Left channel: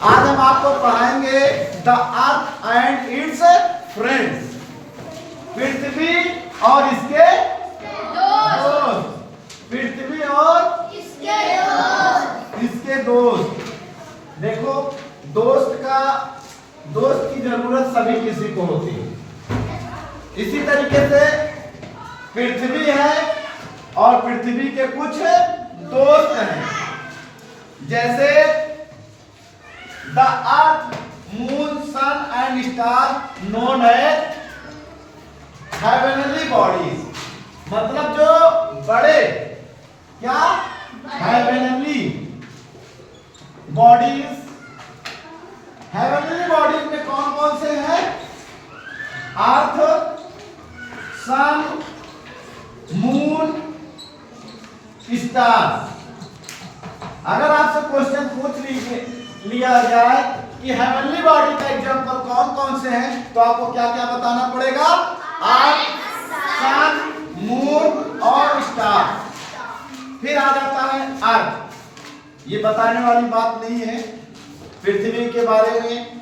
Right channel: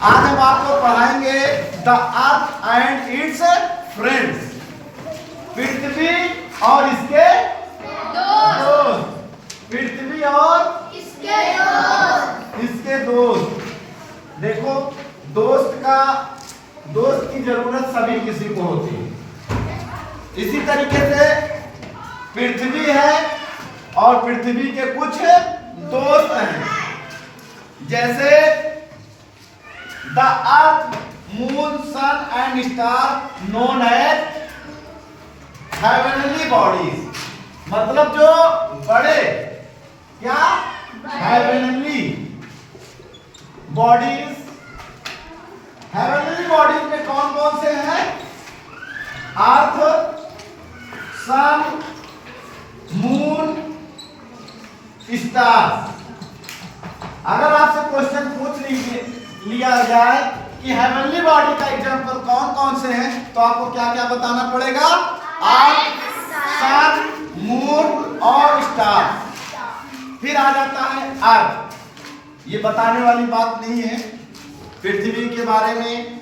आज हम आपको पढ़ाएंगे the earth and its friends, पृथ्वी और इसके दोस्त, पृथ्वी और इसके दोस्त। देखो, दोस्त की जरूरत सभी किसी को होती है। इसी तरीके से पृथ्वी है और पृथ्वी के कुछ दोस्त हैं, जैसे the earth, moon, sun and star known as heavenly bodies. मतलब जो बड़े क्या हेवनली बॉडीज। हेवनली बॉडीज में कौन कौन से हैं? अर्थ, सन, मून, स्टार। अगर आपसे क्वेश्चन पूछ लिया जाए कि हेवनली बॉडी का एग्जांपल कौन कौन से हैं, तो आपको क्या क्या बताना पड़ेगा? अर्थ, सन, मून और स्टार। फिर आ जाता है अर्थ। ये बताने वाली बात नहीं है। पृथ्वी के बारे में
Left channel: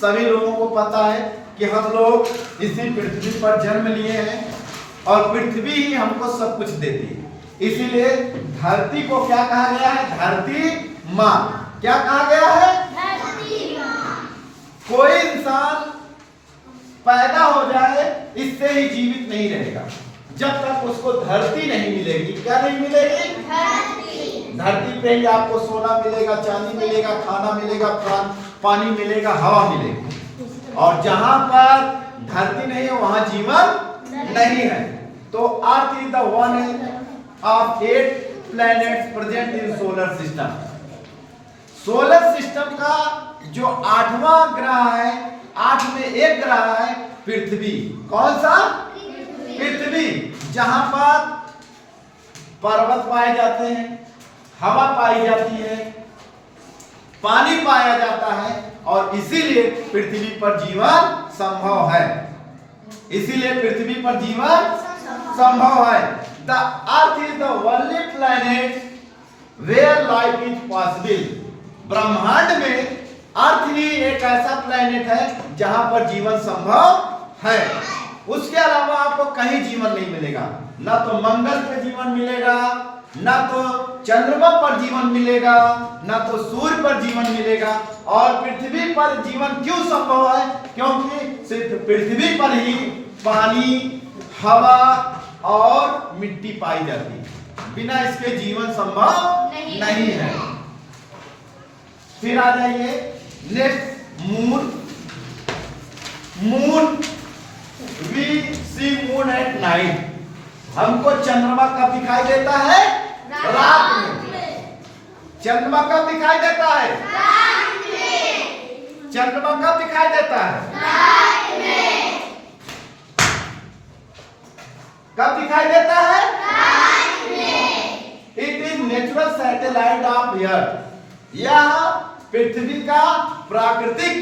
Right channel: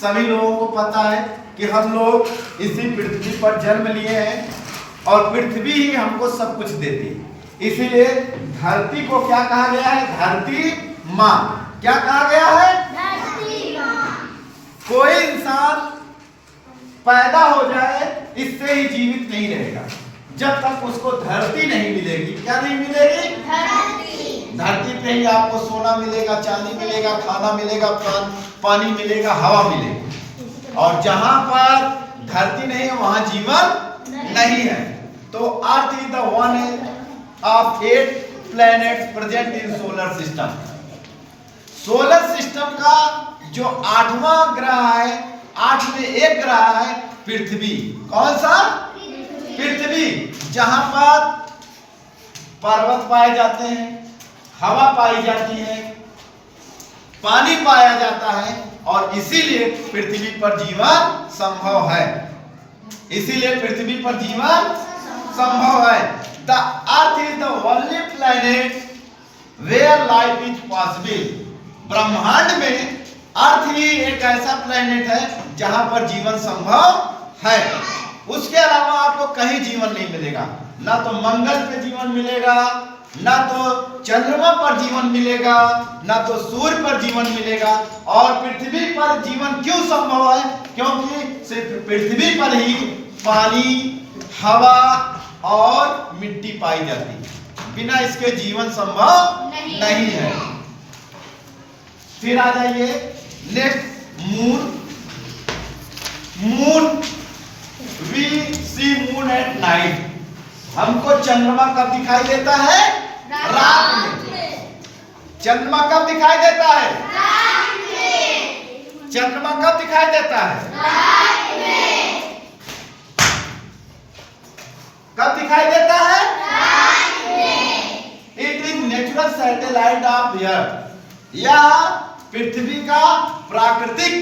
सभी लोगों को पता है कि हम लोग इसी पृथ्वी पर जन्म लिए हैं और पृथ्वी ही हमको सब कुछ देती है। इसीलिए धरती को क्या कहा गया है? धरती माँ। क्या कहा गया है? धरती माँ। कोई इंसान पैदा हो जाए इससे ही जीवित नहीं रहेगा जब तक उसको धरती नहीं मिलेगी। क्या नहीं मिलेगी? धरती पे ही आपको सोना मिलेगा, चांदी मिलेगा, खाना मिलेगा, पानी मिलेगा, हवा मिलेगी। और जहां पर धरती नहीं है वहां जीवन नहीं है। तो अर्थ is the one of 8 planets present in solar system. Solar system का जो 8वां ग्रह है, 8 में एक ग्रह है पृथ्वी। कौन सा? पृथ्वी, जहां पर पर्वत पाए जाते हैं, हवा पाई जाती है, पानी पाया जाता है और इसीलिए पृथ्वी पर जीवन संभव है। इसीलिए पृथ्वी पर जीवन संभव है। The earth is the only planet where life is possible. ब्रह्मांड में अर्थ ही एक ऐसा प्लैनेट है जहां पर जीवन संभव है। उसके अलावा आपको कहीं जीवन नहीं मिलेगा। ना तो मंगल पे जीवन मिलेगा, ना तो चंद्रमा पर जीवन मिलेगा, ना तो सूर्य पर जीवन मिलेगा। और पृथ्वी पर जीवन क्यों संभव है? क्योंकि सिर्फ पृथ्वी पर ही पानी, हवा और मिट्टी पाई जाती है। बिना इसके जीवन संभव नहीं है। फिर आ जाइए next, moon. Moon, we see moon at night. हमको चंद्रमा कब दिखाई देता है? रात में। चंद्रमा कब दिखाई देता है? रात में। चंद्रमा कब दिखाई देता है? रात में। कब दिखाई देता है? रात में। It is natural satellite of अर्थ। यह पृथ्वी का प्राकृतिक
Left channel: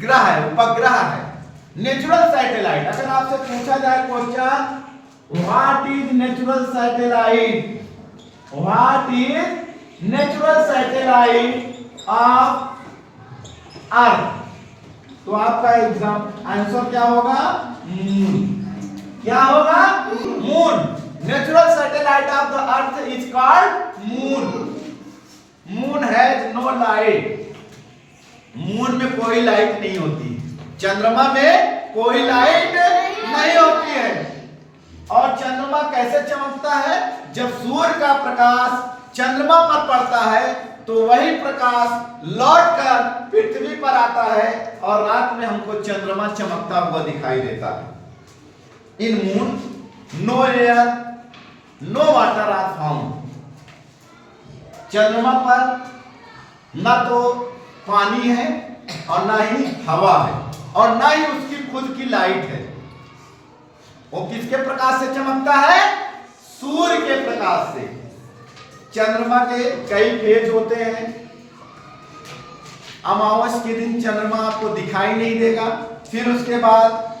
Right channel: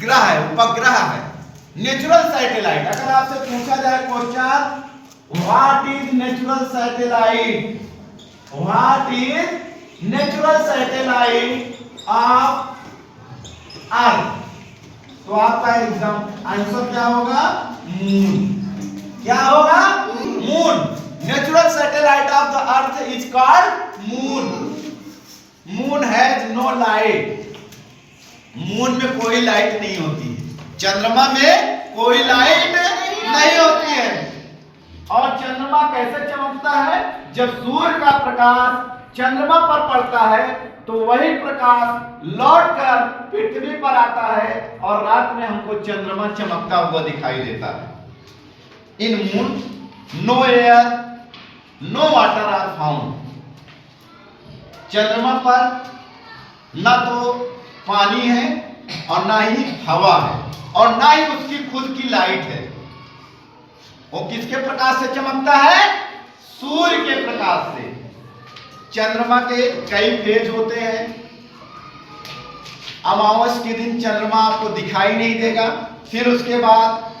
ग्रह है, उपग्रह है, नेचुरल सैटेलाइट। अगर आपसे पूछा जाए question, what is natural satellite? What is natural satellite of earth? तो आपका एग्जाम आंसर क्या होगा? मून। क्या होगा? Moon. Natural satellite of the earth is called moon. Moon has no light. Moon में कोई लाइट नहीं होती। चंद्रमा में कोई लाइट नहीं होती है। और चंद्रमा कैसे चमकता है? जब सूर्य का प्रकाश चंद्रमा पर पड़ता है तो वही प्रकाश लौटकर पृथ्वी पर आता है और रात में हमको चंद्रमा चमकता हुआ दिखाई देता है। In moon no air, no water are found. चंद्रमा पर ना तो पानी है और ना ही हवा है और ना ही उसकी खुद की लाइट है। वो किसके प्रकाश से चमकता है? सूर्य के प्रकाश से। चंद्रमा के कई फेज होते हैं। अमावस के दिन चंद्रमा आपको दिखाई नहीं देगा, फिर उसके बाद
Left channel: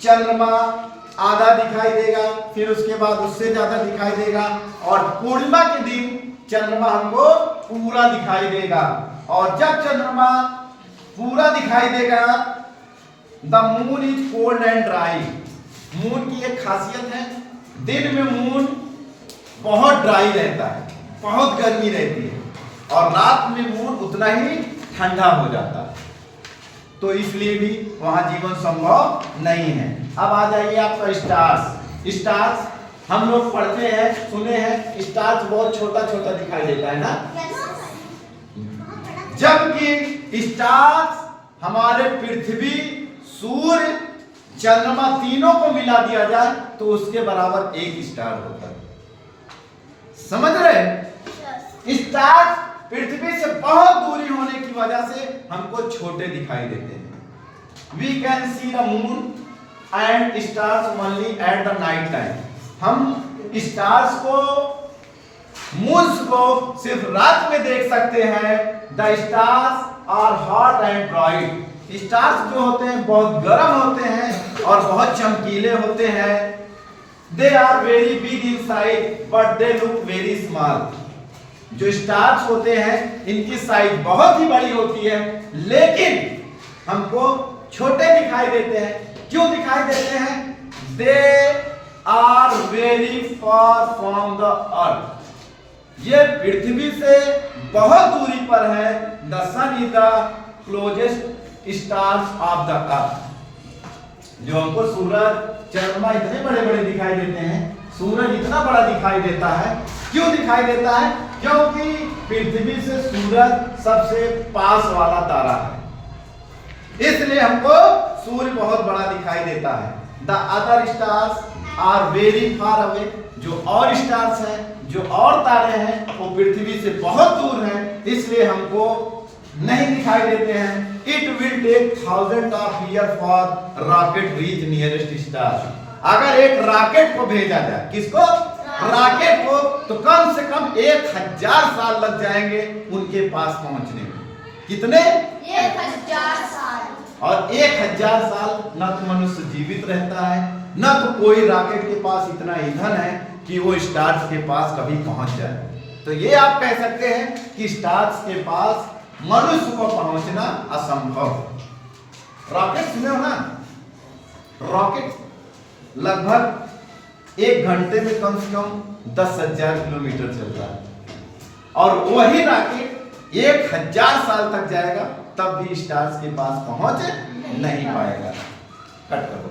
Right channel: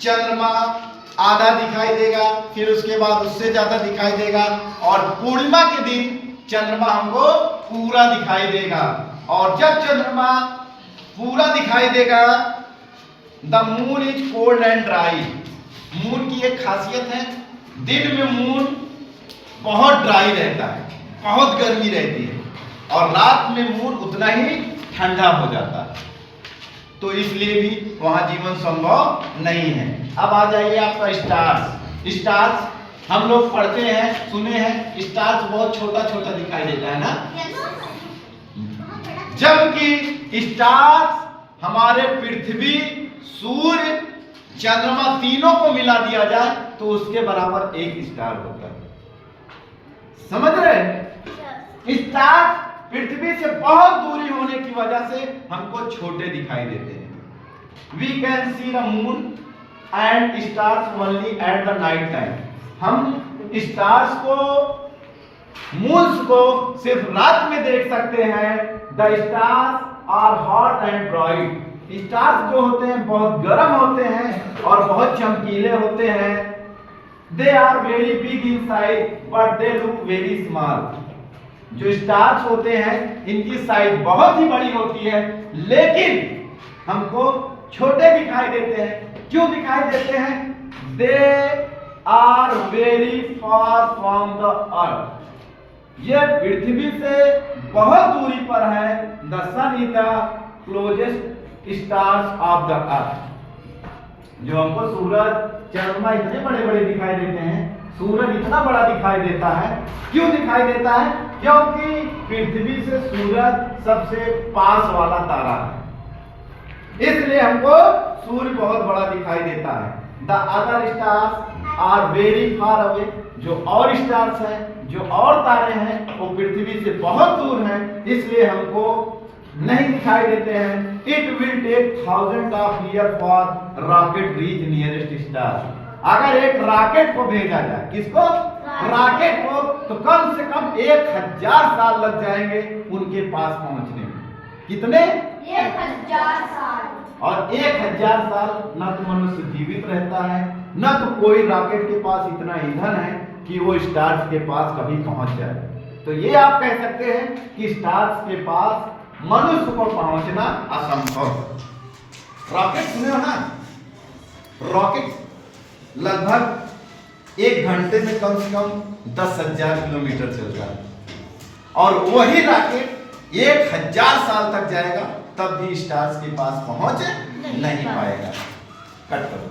चंद्रमा आधा दिखाई देगा, फिर उसके बाद उससे ज्यादा दिखाई देगा और पूर्णिमा के दिन चंद्रमा हमको पूरा दिखाई देगा। और जब चंद्रमा पूरा दिखाई देगा, the moon is cold and dry. Moon की एक खासियत है, दिन में मून बहुत ड्राई रहता है, बहुत गर्मी रहती है, और रात में मून उतना ही ठंडा हो जाता है, तो इसलिए भी वहां जीवन संभव नहीं है। अब आ जाइए आपका स्टार्स। स्टार्स हम लोग पढ़ते हैं, सुने हैं, स्टार्स बहुत छोटा छोटा दिखाई देता है ना, जबकि स्टार्स हमारे पृथ्वी, सूर्य, चंद्रमा तीनों को मिला दिया जाए तो उसके बराबर एक स्टार होता है। समझ रहे हैं? स्टार पृथ्वी से बहुत दूरी होने की वजह से हमको छोटे दिखाई देते हैं। We can see the moon and stars only at the night time. हम स्टार्स को, मून्स को सिर्फ रात में देख सकते हैं। The stars are hot and bright. Stars जो होते हैं बहुत गर्म होते हैं और बहुत चमकीले होते हैं। They are very big in size but they look very small. जो स्टार्स होते हैं इनकी साइज बहुत ही बड़ी होती है, लेकिन हमको छोटे दिखाई देते हैं। क्यों दिखाई देते हैं? They are very far from the earth. ये पृथ्वी से बहुत दूरी पर है। The sun is the closest stars of the earth. जो हमको सूरज, चंद्रमा इतने बड़े बड़े दिखाई देते हैं, सूरज इतना बड़ा दिखाई देता है। क्यों दिखाई देता है? क्योंकि पृथ्वी से सूरज सबसे पास वाला तारा है, इसलिए हमको सूर्य बहुत बड़ा दिखाई देता है। The other stars are very far away. जो और स्टार्स हैं, जो और तारे हैं, वो पृथ्वी से बहुत दूर हैं, इसलिए हमको नहीं दिखाई देते हैं। It will take 1000 of year for rocket reach nearest star. अगर एक रॉकेट को भेजा जाए, किसको? रॉकेट को, तो कम से कम 1000 साल लग जाएंगे उनके पास पहुंचने में। कितने? 1000 साल। और 1000 साल न तो मनुष्य जीवित रहता है, न तो कोई रॉकेट के पास इतना ईंधन है कि वो स्टार्स के पास कभी पहुंच जाए। तो ये आप कह सकते हैं कि स्टार्स के पास मनुष्य को पहुंचना असंभव। रॉकेट सुने हो ना? रॉकेट लगभग 1 घंटे में कम से कम 10,000 किलोमीटर चल रहा है, और वही रॉकेट 1000 साल तक जाएगा, तब भी स्टार्स के पास पहुंच नहीं पाएगा। कट करो।